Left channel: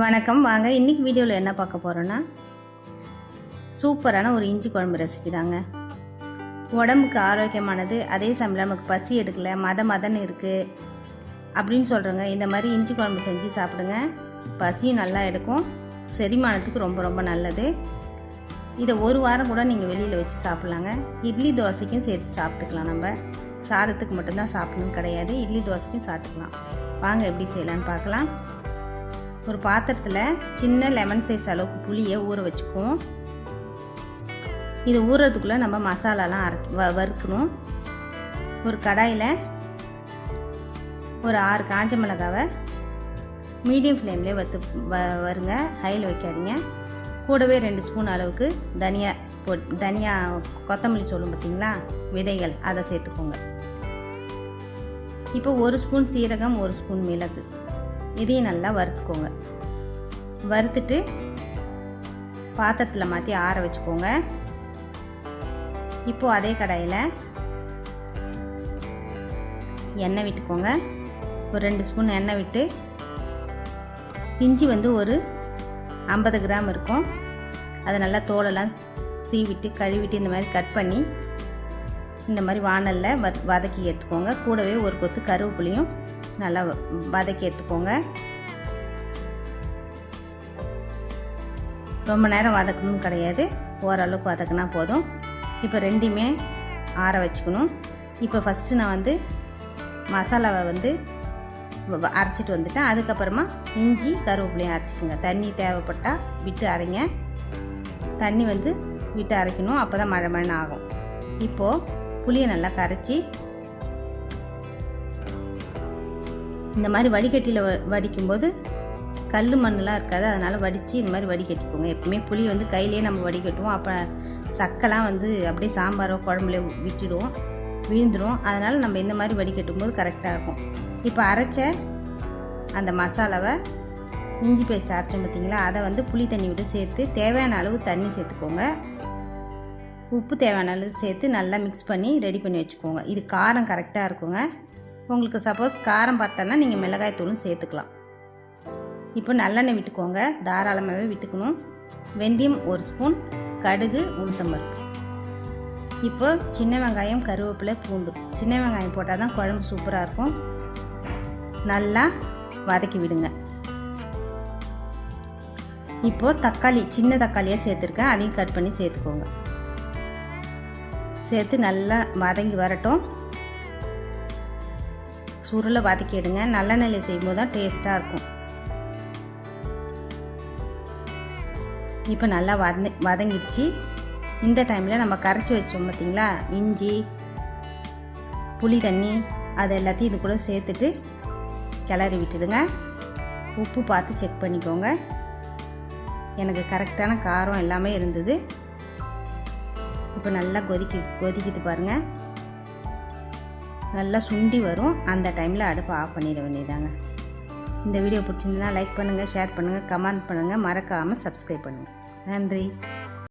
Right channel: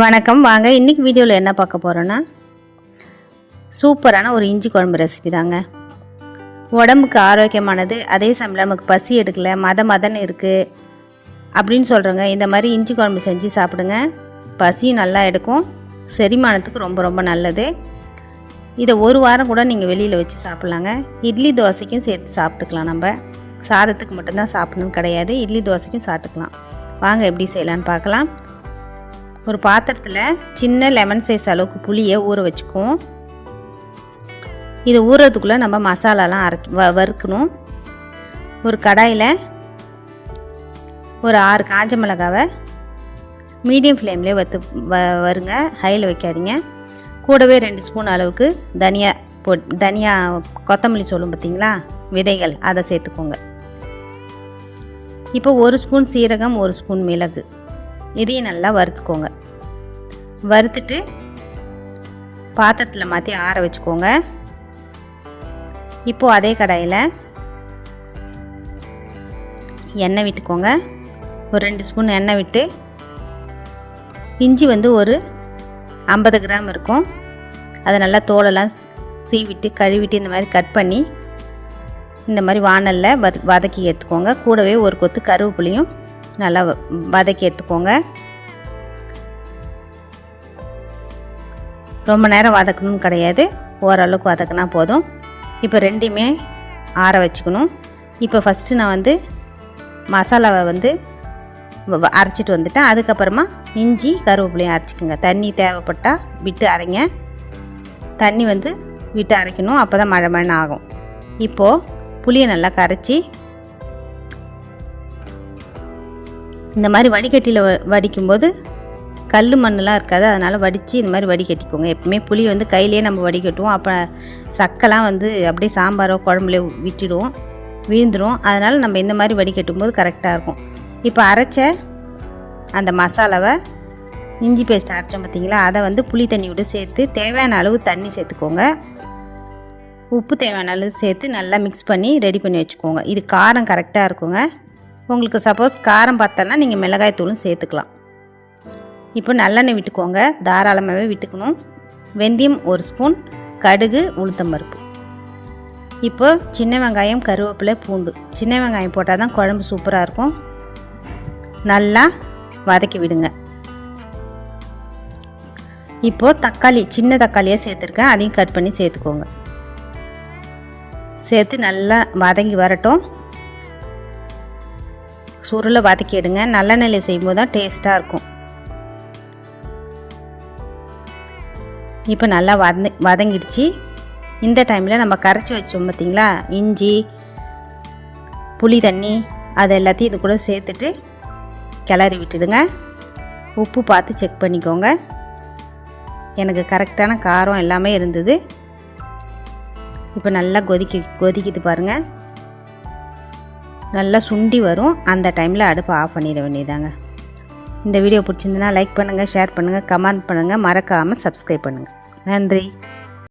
வணக்கம். வாங்க இன்றைக்கி வீடியோவில் என்ன பார்க்க போகிறோன்னா, சூப்பரான ஒரு இஞ்சி குழம்பு ரெசிபி தாங்க. உடம்புக்கு ஆரோக்கியமானது, அதே சமயம் நமக்கு பசி எடுக்கலை, மதன்னு இருக்குது அப்படின்னு சொல்கிறோங்க. இந்த மாதிரி இஞ்சி குழம்பு செஞ்சு சாப்பிடுங்க. பசியும் நல்லா எடுக்கும், செரிமானத்துக்கு ரொம்ப ரொம்ப நல்லது. இதை ஒரு வாரம் கூட நீங்கள் வெளியில் வச்சு சாப்பிட்லாங்க. இட்லி தோசைக்கும் சேர்த்து சாப்பிட்டுக்கலாம். நம்ம சாதத்துக்கு மட்டும்தான் சாப்பிடணும்னு கிடையாது, இட்லி தோசைக்கும் சாப்பிட்டுக்கலாம். வாங்க எப்படி செய்யலான்னு பார்க்கலாம். ஒரு பாத்திரத்தில் சின்ன லெமன் சைஸ் அளவுக்கு புளியை ஊற வச்சுக்குவோம். இது ஊறுறதுக்குள்ளே நம்ம மசாலாலாம் வறுக்கணும். ஒரு கடாயில் ஒரு 6 காஞ்ச மிளகாவை மீடியம் ஃப்ளேம்லேயே வருங்க, ஹையில் வைக்காதீங்க. கூடவே 2 ஸ்பூன் அளவுக்கு தனியா கொத்தமல்லி சொல்லும் பார்த்தீங்களா, விதைகள், அதை சேர்த்துக்கோங்க. இப்போ 1 ஸ்பூன் சீரகம், 1 ஸ்பூன் மிளகு, இதையும் நல்லா வறுத்துக்கோங்க. வறுத்துட்டு பாத்திரத்தில் மாற்றி ஆற வச்சுக்கோங்க. இப்போது அதே கடாயில் எண்ணெய் விட்டுக்கோங்க. ஒரு 2 ஸ்பூன் எண்ணெய் விட்டு, இஞ்சி ஒரு 50 கிராம் இருக்கும், அதை நல்லா தோலெல்லாம் சீவிட்டு கழுவிட்டு இந்த மாதிரி கட் பண்ணி இந்த மாதிரி வாணலில் வதக்கி எடுத்துக்கோங்க. கூடவே ஒரு கொத்து கருவேப்பிலையும் நல்லா வதக்கி எடுத்துக்கோங்க. ரொம்ப நேரம் வதக்கணும்னு கிடையாது, ஓரளவுக்கு வதக்கினா போதும். இப்போ ரெண்டையுமே ஆற வச்சுக்கணும். இப்போ ஃபஸ்ட்டு நான் மசாலாவை அரைச்சிட்டு வந்துட்டேன். அதுக்கப்புறமா இஞ்சி கருவேப்பிலையும் அரைச்சிக்கோங்க. தண்ணி தேவைப்பட்டால் விட்டு அரைங்க. தண்ணி விட்டு அரைக்கணும், அப்போ தான் மழை ஆகும். இப்போது புளியை நல்லா கரைச்சி இந்த மாதிரி வடிகட்டியில் வடிக்கும்போது கல் மண்ணெலாம் இருக்காது, அதனால் வடித்து இந்த மாதிரி வடிகட்டிக்கோங்க. எப்பவுமே புளி கையிலேயே நம்ம வடிகட்டுவோம், அப்போ சக்கைலாம் அப்படியே சாம்பாரோ குழம்புல விட்டுடுவோம், விழுந்துடும். அதனால் நம்ம இந்த மாதிரி வடிகட்டும் போது கரெக்டாக இருக்கும். இப்போ அரைச்ச அந்த மசாலாவை, இஞ்சி பேஸ்ட் அரைச்சோம் பார்த்திங்களா, அதை புளி தண்ணி விட்டு சேர்த்து தேவையான அளவு தண்ணி சேர்த்துக்கோங்க. உப்பு தேவையான அளவு சேர்த்து நல்லா மிக்ஸ் பண்ணி ரெடி பண்ணி வச்சுக்கோங்க. இது காரம் கரெக்டாக இருக்குங்க. உங்களுக்கு சப்போஸ் காரம் பார்த்தோன்னா நீங்கள் மிளகாய் தூளும் சேர்த்துக்கலாம். இப்போ நல்லெண்ணெய் விட்டுக்கோங்க, தாராளமாகவே விட்டுக்கணும். வெந்தயம் 1 ஸ்பூன், கடுகு, உளுத்தம்பருப்பு. இப்போ சின்ன வெங்காயம், கருவேப்பிலை, பூண்டு. சின்ன வெங்காயம் போட்டால் தான் குழம்பு சூப்பராக இருக்கும். நல்லா வதக்கி விடுங்க. இப்போது தக்காளி, சின்ன தக்காளியாக சேர்த்துருக்கேன், அதையும் கட் பண்ணி சேர்த்துக்கோங்க. சேர்த்து நல்லா வதங்கி வரட்டும். சுருளை வதக்கி எடுங்க. நல்லெண்ணெயில் செய்யும்போது தான் டேஸ்ட்டாக இருக்கும். இப்போ நல்லா வதங்கிடுச்சு. இந்த டைமில் நம்ம கரைச்சி வச்சோம் பார்த்திங்களா, இஞ்சி புளி தண்ணி, அது எல்லாத்தையும் இது கூட சேர்த்துட்டு கிளறி விட்டுடுங்க. உப்பு பார்த்து செக் பண்ணிக்கோங்க. எனக்கு கரெக்டான காரம் எல்லாமே இருந்தது. இப்போ நல்லா கொதிக்குது பாருங்கள், நல்லா சுண்டி வரும். அந்த டைமில் அடுப்பை ஆஃப் பண்ணிட வேண்டியதாங்க. இந்த வீடியோ பிடிச்சிருந்துன்னா லைக் பண்ணுங்கள், ஷேர் பண்ணுங்கள், கமெண்ட் பண்ணுங்கள், மறக்காமல் சப்ஸ்கிரைப் பண்ணுங்கள். நன்றி.